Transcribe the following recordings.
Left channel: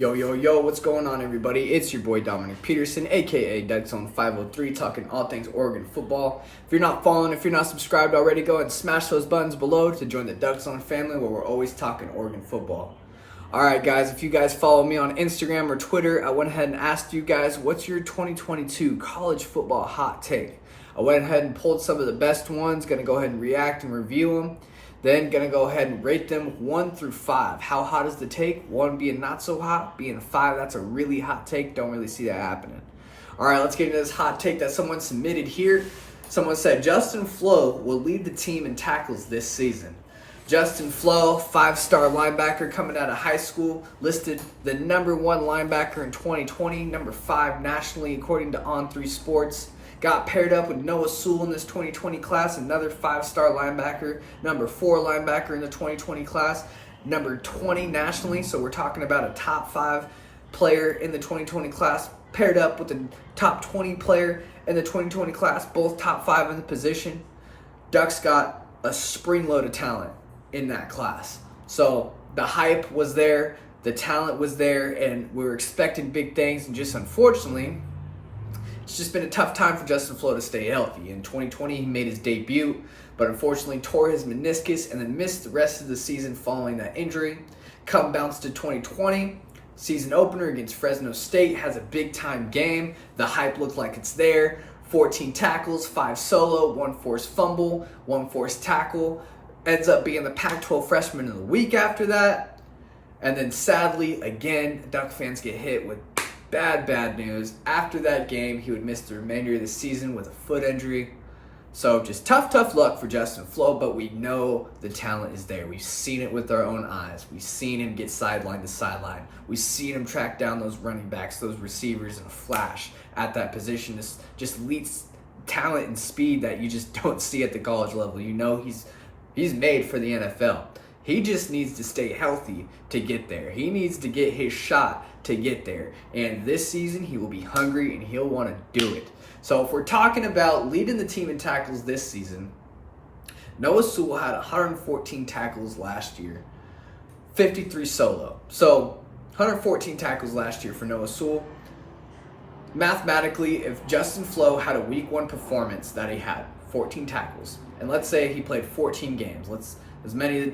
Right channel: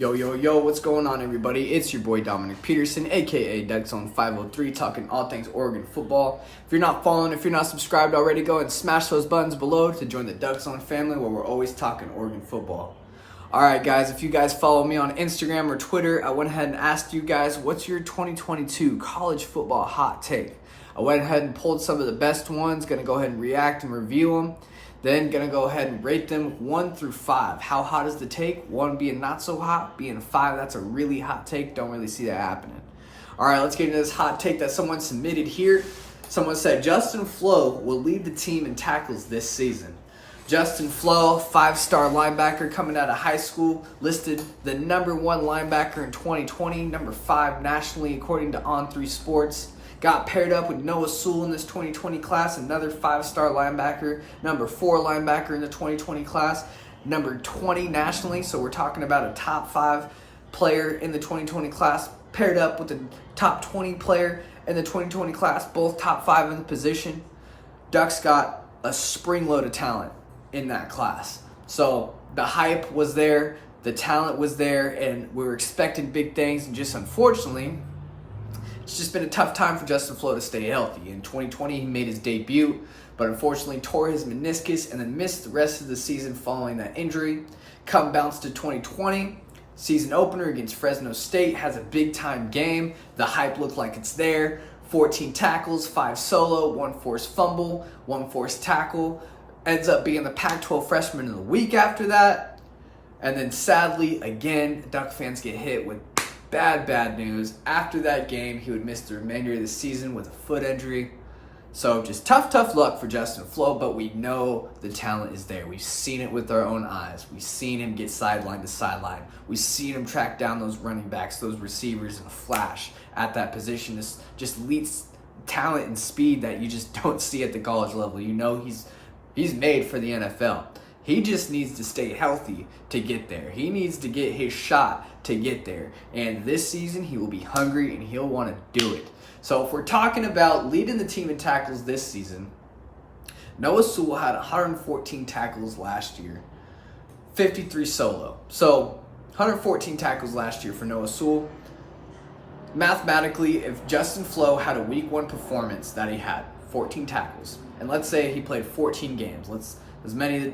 Yo, yo, yo, what's going on, everybody? It's your boy Dominic Peterson, aka Dexon 503, talking all things Oregon football. If you're not following, if you're not subscribed already, go and smash those buttons below to join the Dexon family where we're always talking Oregon football. Alright, guys, if you guys follow me on Instagram or Twitter, I went ahead and asked you guys, what's your 2022 college football hot take? I went ahead and pulled some of the best ones, gonna go ahead and react and review them. Then gonna go ahead and rate them 1 through 5. How hot is the take? 1 being not so hot, being 5, that's a really hot take. Don't really see that happening. All right, let's get into this hot take that someone submitted here. Someone said Justin Flowe will lead the team in tackles this season. Justin Flowe, 5-star linebacker coming out of high school, listed the number 1 linebacker in 2020, number 5 nationally according to On3 Sports. Got paired up with Noah Sewell in this 2020 class, another 5-star linebacker, number 4 linebacker in the 2020 class, number 20 nationally. So we're talking about a top 5 player in the 2020 class, paired up with the top 20 player in the 2020 class, both top 5 in the position. Ducks got a spring load of talent in that class. So the hype was there, the talent was there, and we were expecting big things, and just unfortunately, it's just been a tough time for Justin Flowe to stay healthy. In 2020, he made his debut, but unfortunately tore his meniscus and then missed the rest of the season following that injury. Come bounce to 2020, season opener against Fresno State, has a big-time game. The hype looked like it's there. 14 tackles, 5 solo, 1 forced fumble, 1 forced tackle. Ends up being the Pac-12 Freshman of the Week after that. And then sadly, again, Duck fans get hit with bad news. After that game, he would miss the remainder of the season with a foot injury. So just tough luck for Justin Flowe, but we know the talent is there. We've seen it with our own eyes. We've seen him get sideline to sideline. We've seen him track down those running backs, those receivers in a flash at that position. This just leads talent and speed that you just don't see at the college level. You know he's made for the NFL. He just needs to stay healthy to get there. He needs to get his shot to get there. And this season, he will be hungry and he'll want to do it. So if we're talking about leading the team in tackles this season, Noah Sewell had 114 tackles last year, 53 solo. So 114 tackles last year for Noah Sewell. Mathematically, if Justin Flowe had a week 1 performance that he had, 14 tackles, and let's say he played 14 games, as many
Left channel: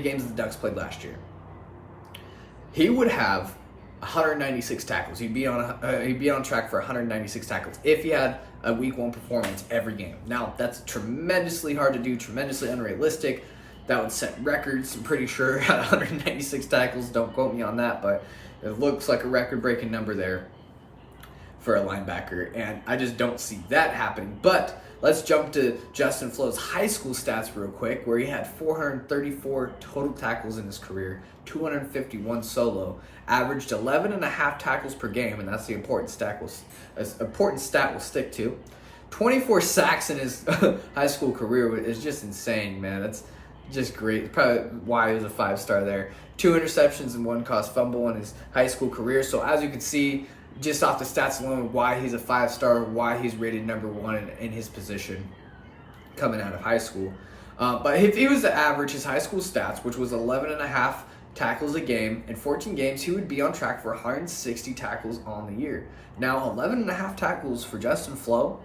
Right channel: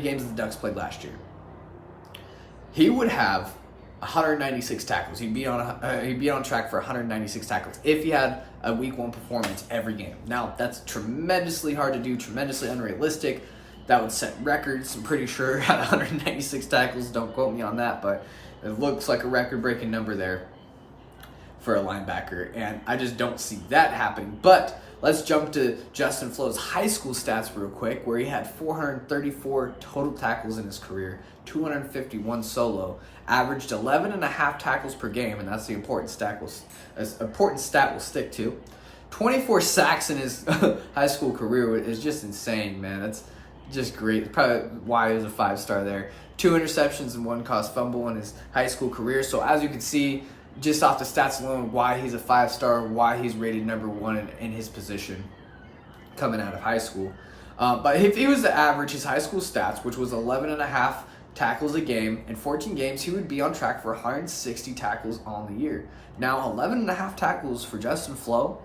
games as the Ducks played last year, he would have 196 tackles. He'd be on track for 196 tackles if he had a week 1 performance every game. Now, that's tremendously hard to do, tremendously unrealistic. That would set records, I'm pretty sure, at 196 tackles. Don't quote me on that, but it looks like a record-breaking number there for a linebacker, and I just don't see that happening. But let's jump to Justin Flowe's high school stats real quick, where he had 434 total tackles in his career, 251 solo, averaged 11.5 tackles per game, and that's the important stat we'll stick to. 24 sacks in his high school career is just insane, man. That's just great. Probably why he was a 5-star there. 2 interceptions and 1 caused fumble in his high school career. So as you can see, just off the stats alone, why he's a 5-star, why he's rated number 1 in his position coming out of high school. But if he was to average his high school stats, which was 11.5 tackles a game in 14 games, he would be on track for 160 tackles on the year. Now, 11.5 tackles for Justin Flowe,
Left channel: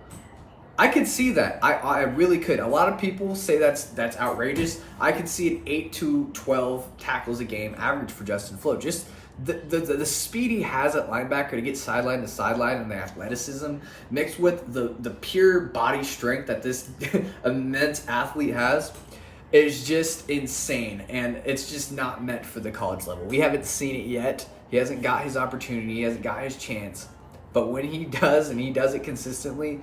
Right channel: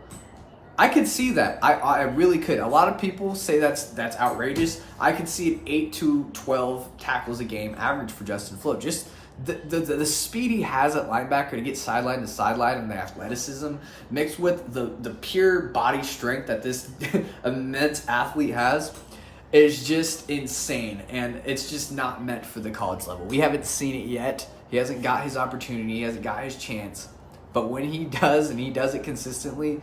I could see that. I really could. A lot of people say that's outrageous. I could see an 8 to 12 tackles a game average for Justin Flowe. Just the speed he has at linebacker to get sideline to sideline, and the athleticism mixed with the pure body strength that this immense athlete has is just insane, and it's just not meant for the college level. We haven't seen it yet. He hasn't got his opportunity. He hasn't got his chance. But when he does, and he does it consistently,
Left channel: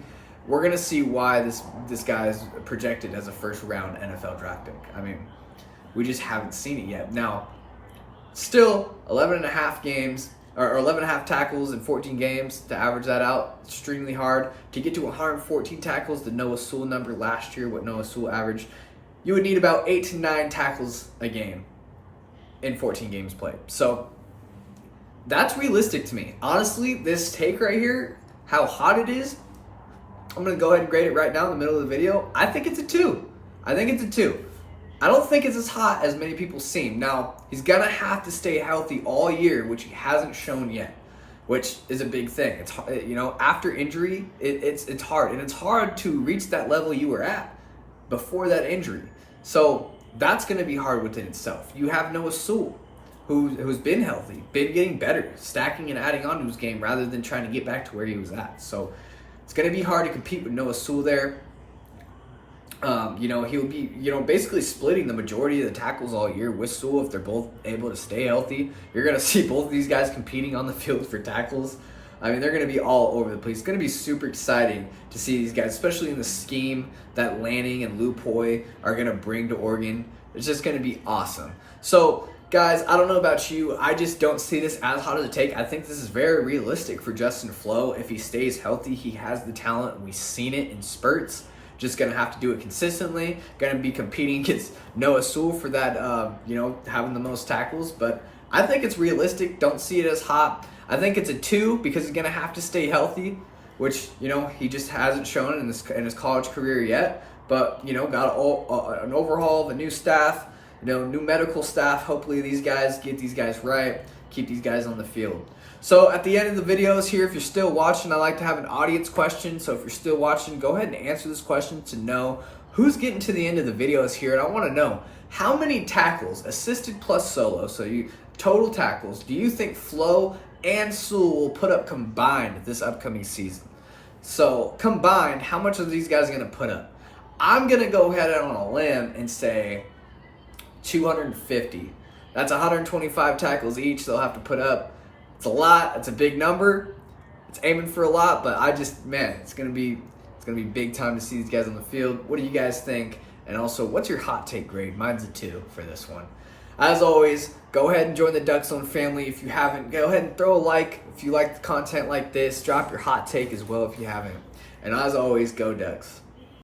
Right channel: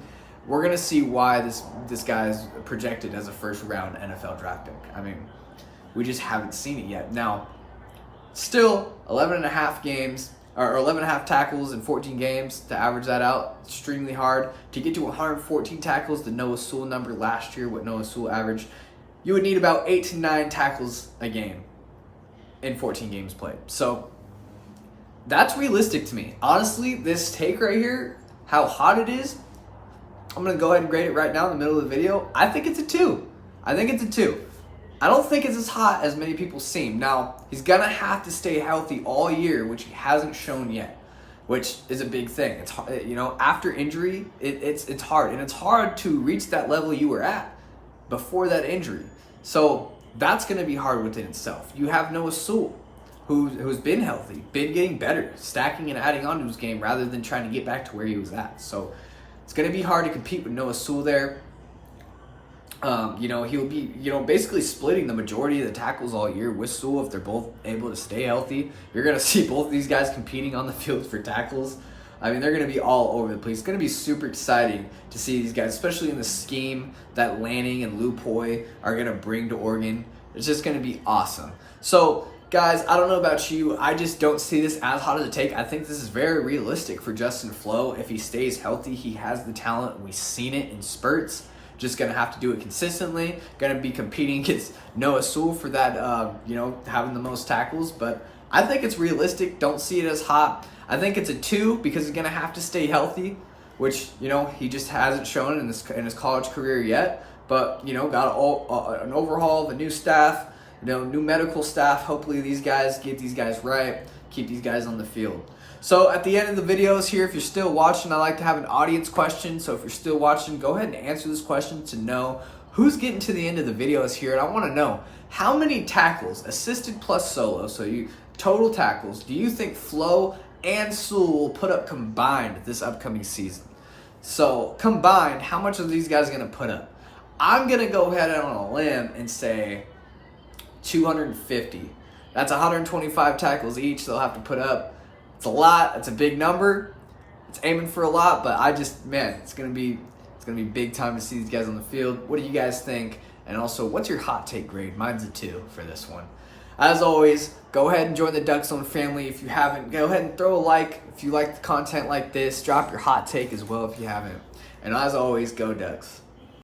we're going to see why this guy is projected as a first-round NFL draft pick. I mean, we just haven't seen it yet. Now, still, 11.5 games, or 11.5 tackles in 14 games, to average that out, extremely hard. To get to 114 tackles, the Noah Sewell number last year, what Noah Sewell averaged, you would need about 8 to 9 tackles a game in 14 games played. So that's realistic to me. Honestly, this take right here, how hot it is, I'm going to go ahead and grade it right now in the middle of the video. I think it's a 2. I don't think it's as hot as many people seem. Now, He's going to have to stay healthy all year, which he hasn't shown yet, which is a big thing. It's, you know, after injury, it's hard. And it's hard to reach that level you were at before that injury. So that's going to be hard within itself. You have Noah Sewell, who's been healthy, been getting better, stacking and adding on to his game rather than trying to get back to where he was at. So it's going to be hard to compete with Noah Sewell there. You know, he'll be, you know, basically splitting the majority of the tackles all year with Sewell if they're both able to stay healthy. You're going to see both of these guys competing on the field for tackles. I mean, they're going to be all over the place. It's going to be super exciting to see these guys, especially in the scheme that Lanning and Lupoy are going to bring to Oregon. It's just going to be awesome. So, guys, I don't know about you. I just don't see this as hot as a take. I think this is very realistic for Justin Flowe. If he stays healthy, he has the talent. We've seen it in spurts. Just going to have to do it consistently. Going to be competing against Noah Sewell for that, you know, having the most tackles. But I think it's realistic. Don't see it as hot. I think it's a 2 because he's going to have to stay healthy, which, you know, he just hasn't shown in his college career yet. But, you know, got an overhaul, the new staff, you know, new medical staff. Hopefully these guys get these guys right, keep these guys on the field. So at the end of the videos here, if you're still watching, I like to have an audience question. So if you're still watching, go ahead and answer this question to know who's getting to the end of the videos here. And I want to know how many tackles, assisted plus solo, so you total tackles, do you think Flowe and Sewell will put up combined this upcoming season? So combined, how much are these guys going to put up? I'm going to go ahead on a limb and say 250. That's 125 tackles each they'll have to put up. It's a lot. It's a big number. It's aiming for a lot, but I just, man, it's gonna be big time to see these guys on the field. What do you guys think? And also, what's your hot take grade? Mine's a 2 for this one. As always, go ahead and join the Duck Zone family. If you haven't, go ahead and throw a like. If you like the content like this, drop your hot take as well if you haven't. And as always, go Ducks.